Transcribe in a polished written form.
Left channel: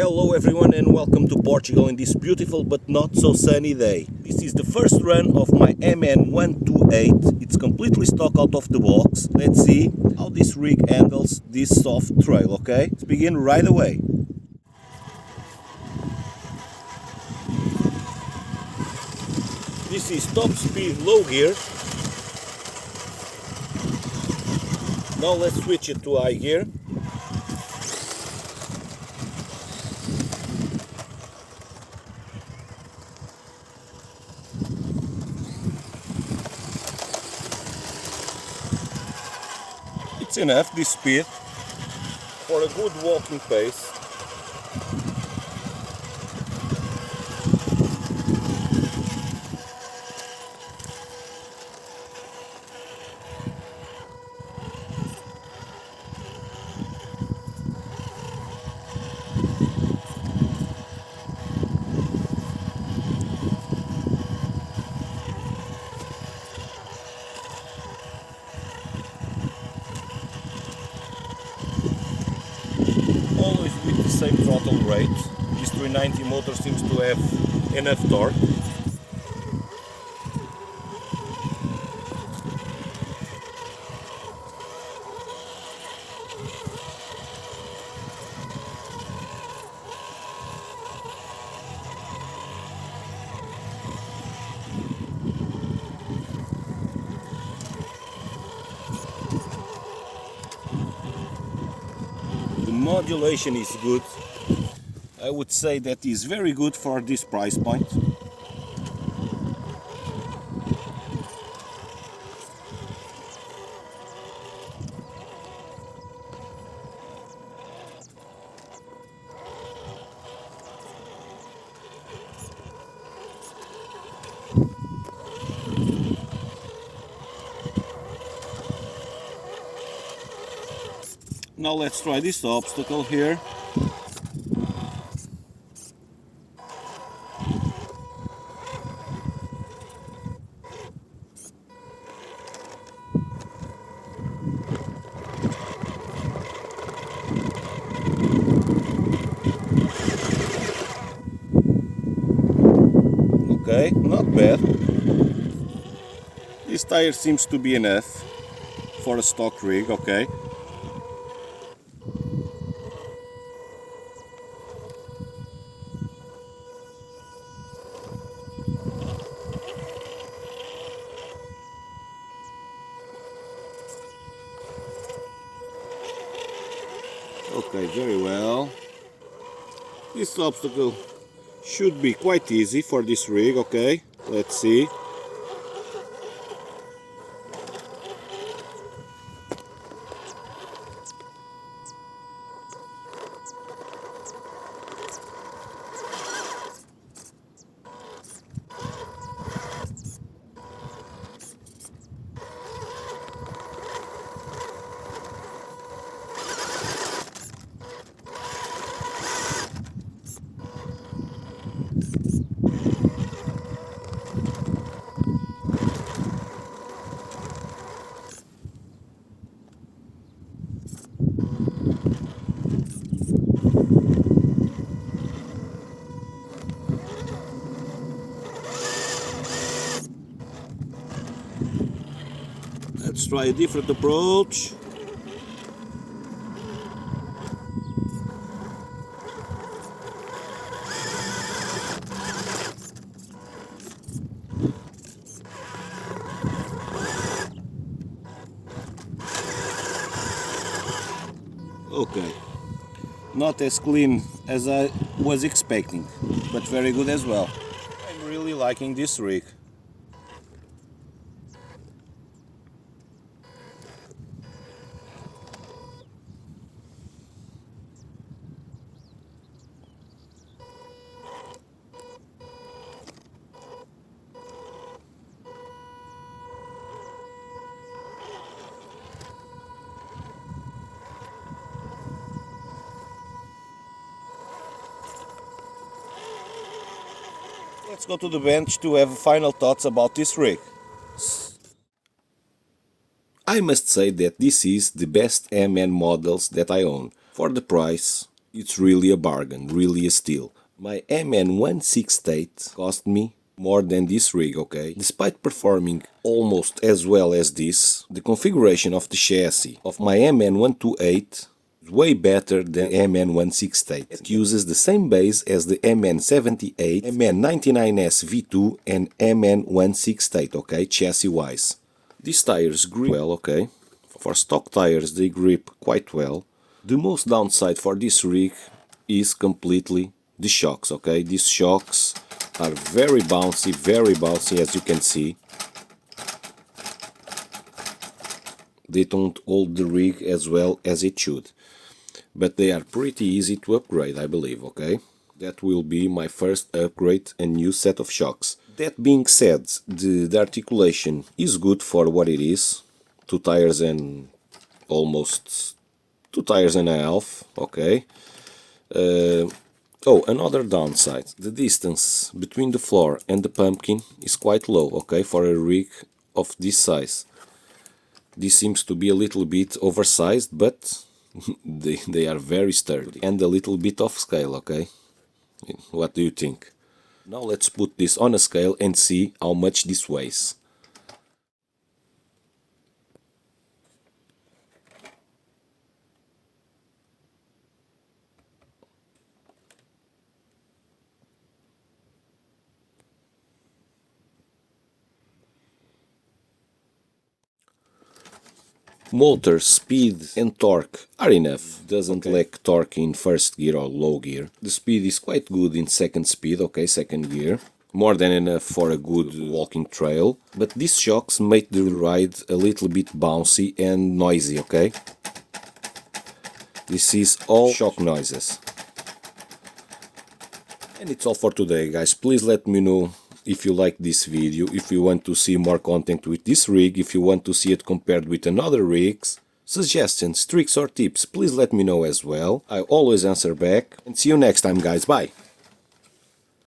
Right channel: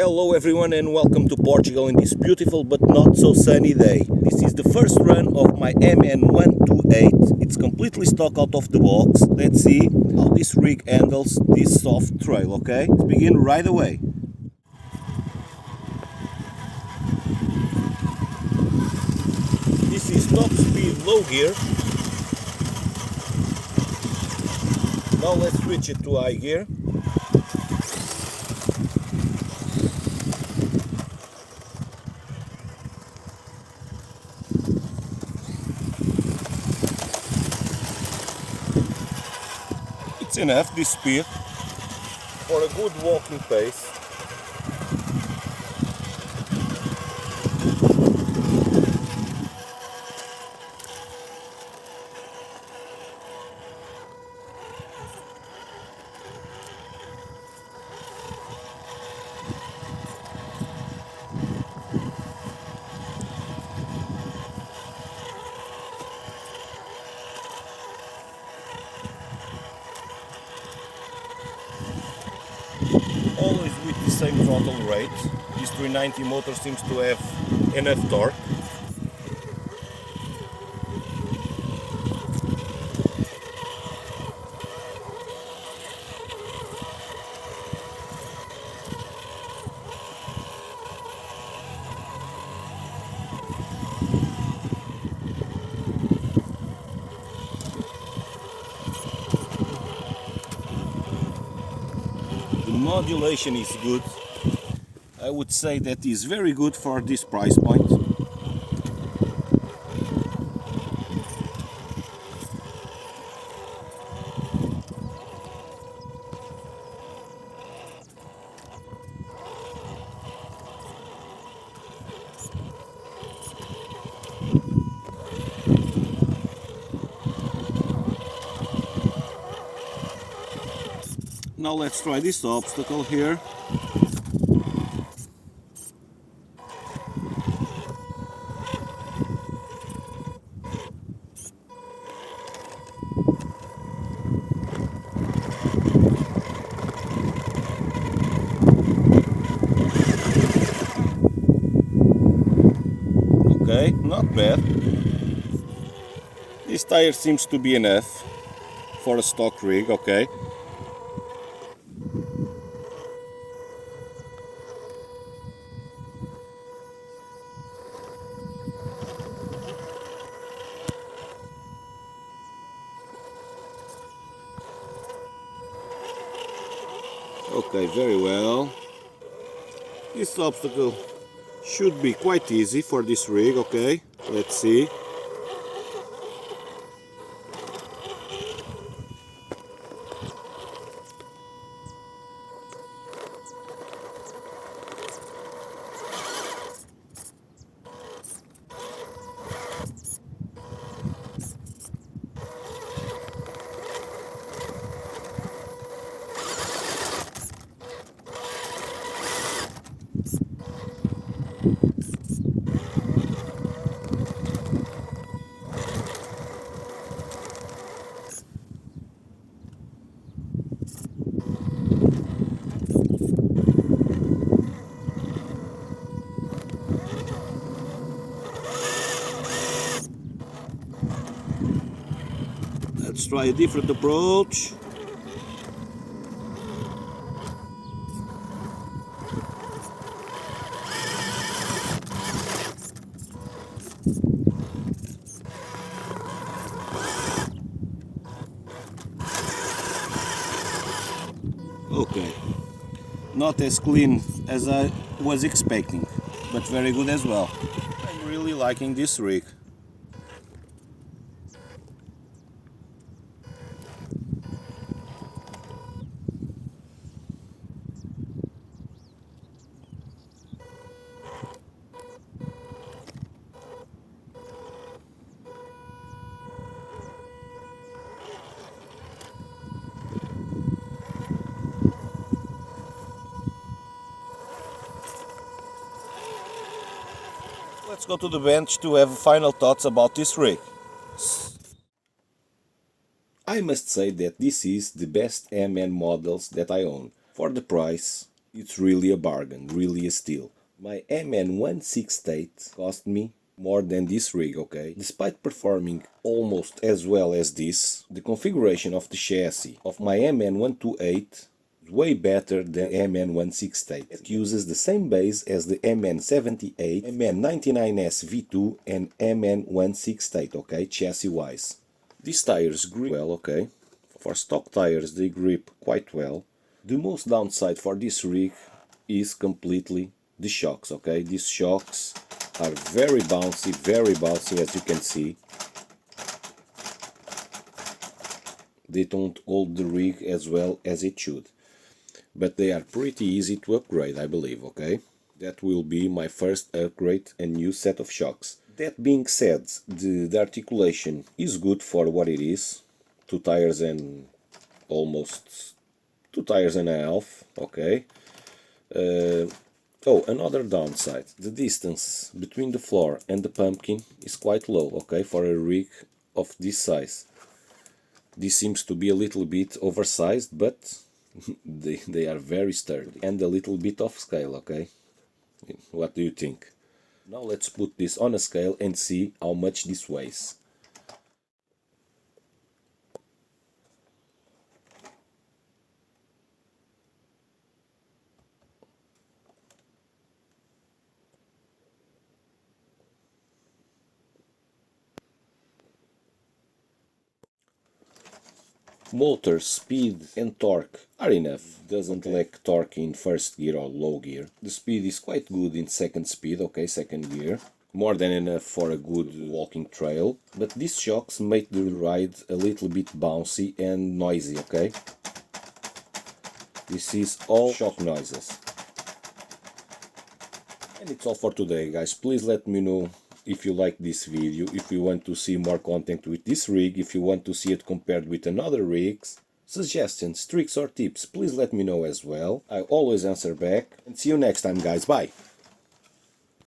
Hello everyone and welcome to Portugal in this beautiful but not so sunny day. This is the first run of my MN128. It's completely stock out of the box. Let's see how this rig handles this soft trail, okay? Let's begin right away. This is top speed low gear. Now let's switch it to high gear. It's enough, this speed, for a good walking pace. Always with the same throttle rate. This 390 motor seems to have enough torque. The modulation is good. I would say that is very good for this price point. Now let's try this obstacle here. Okay, not bad. This tire seems to be enough for a stock rig, okay. Okay, very well. This obstacle should be quite easy for this rig, okay? Let's see. Let's try a different approach. Okay, not as clean as I was expecting, but very good as well. I'm really liking this rig. Let's go to the bench to have final thoughts about this rig. I must say that this is the best MN models that I own. For the price, It's really a bargain, really a steal. My MN168 cost me more than this rig, okay? Despite performing almost as well as this, the configuration of the chassis of my MN128 is way better than MN168. It uses the same base as the MN78, MN99S V2 and MN168, okay, chassis-wise. These tires grip well, okay? For stock tires they grip quite well. The most downside for this rig is completely the shocks, okay? These shocks are very bouncy as you can see. They don't hold the rig as well as it should. But they are pretty easy to upgrade, I believe, okay? That will be my first upgrade, a new set of shocks. That being said, the articulation is good for what it is. 2 tires and almost 2 tires and a half, okay. Oh, another downside, the distance between the floor and the pumpkin is quite low, okay, for a rig of this size. This seems to be a little bit oversized, but they are very sturdy and a little bit off scale, okay. What do you think? Now let's put this on a scale and see how much this weighs. Motor speed and torque are enough. Doesn't lack torque in first gear or low gear. The speed is quite good in second speed, okay, second gear. More than enough for a good walking trail. But these shocks make the ride a little bit bouncy and noisy, okay? This is all shock noises. And it's all for today, guys. Please let me know if you like this video, if you want to see more content with this rig, if you want to see it compared with another rigs. Suggestions, tricks or tips, please let me know as well. I always answer back. And see you next time, guys. Bye!